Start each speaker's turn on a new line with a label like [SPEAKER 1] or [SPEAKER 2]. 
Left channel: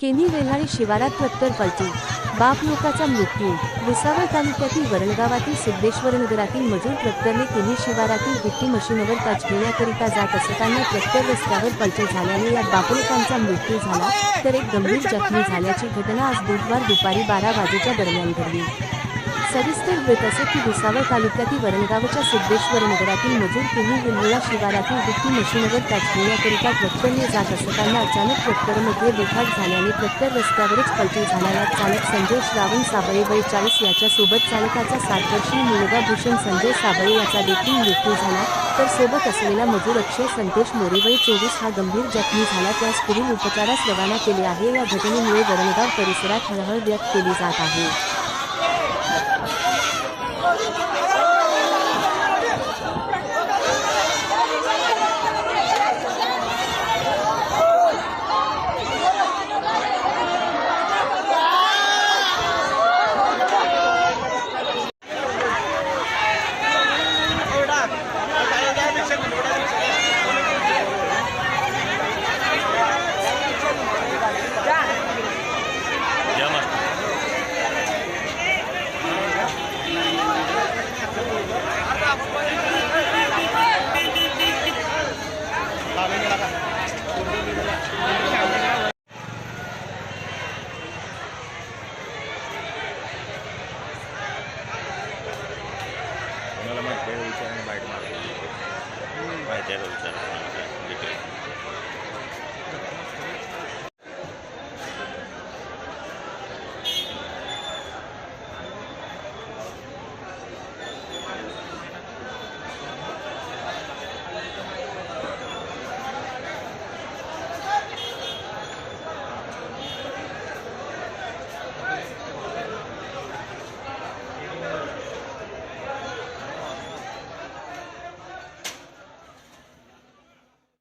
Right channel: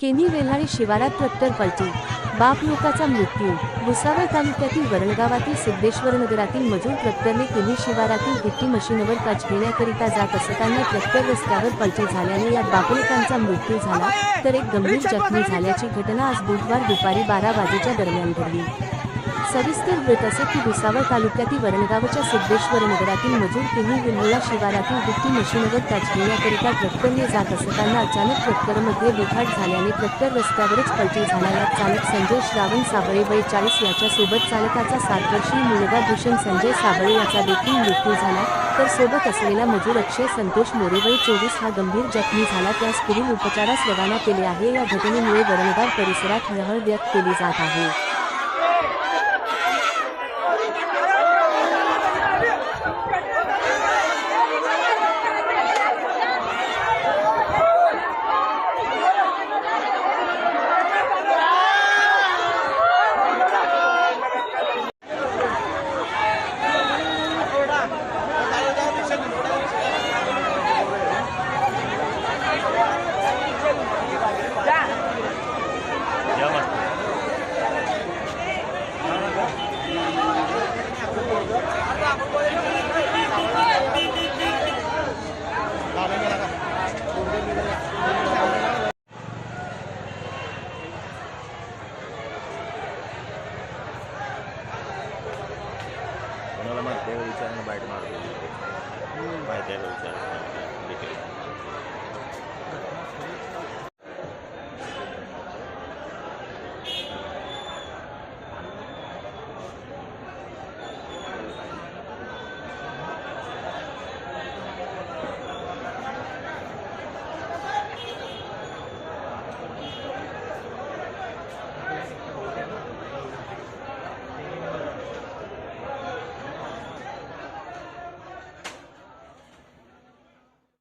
[SPEAKER 1] केनी वेल्हाळी शिवारात ट्रॅक्टर पलटी बाप लोकाचा मृत्यू भुसावळ तालुक्यातील वरणगावातील सिद्धेश्वर नगरातील मजूर ट्रॅक्टरने केनी शिवारातील गिट्टी मशीनवर काच घेण्याकरिता जात असताना ट्रॅक्टर रस्त्यावर पलटी झाल्याने यात बापलोकांचा मृत्यू झाला तर एक गंभीर जखमी झाल्याची घटना आज बुधवार दुपारी बारा वाजेच्या दरम्यान घडली. सविस्तर वृत्त असे की भुसावळ तालुक्यातील वरणगावच्या सिद्धेश्वर नगरातील मजूर किनी विल्होळा शिवारातील गिट्टी मशीनवर कॅच घेण्याकरिता ट्रॅक्टरने जात असताना अचानक ट्रॅक्टरमध्ये बिघाड झाल्याने ट्रॅक्टर रस्त्यावरच पलटी झाला यात चालक संजय श्रावण साबळे वय चाळीस याच्यासोबत चालकाचा सात वर्षीय मुलगा भूषण संजय साबळे याचा देखील मृत्यू झाला. तर सोबत असलेला मजूर अक्षय संतोष मोरे वय चोवीस हा गंभीर जखमी झाला. त्यास पुढील उपचारास रवाना केले आहे. या घटनेमुळे वरणगाव परिसरात हळहळ व्यक्त केली जात आहे.
[SPEAKER 2] કાલે માહિતી વિચારને બાઇટ મારું માહિતી વિચાર ડિટેલ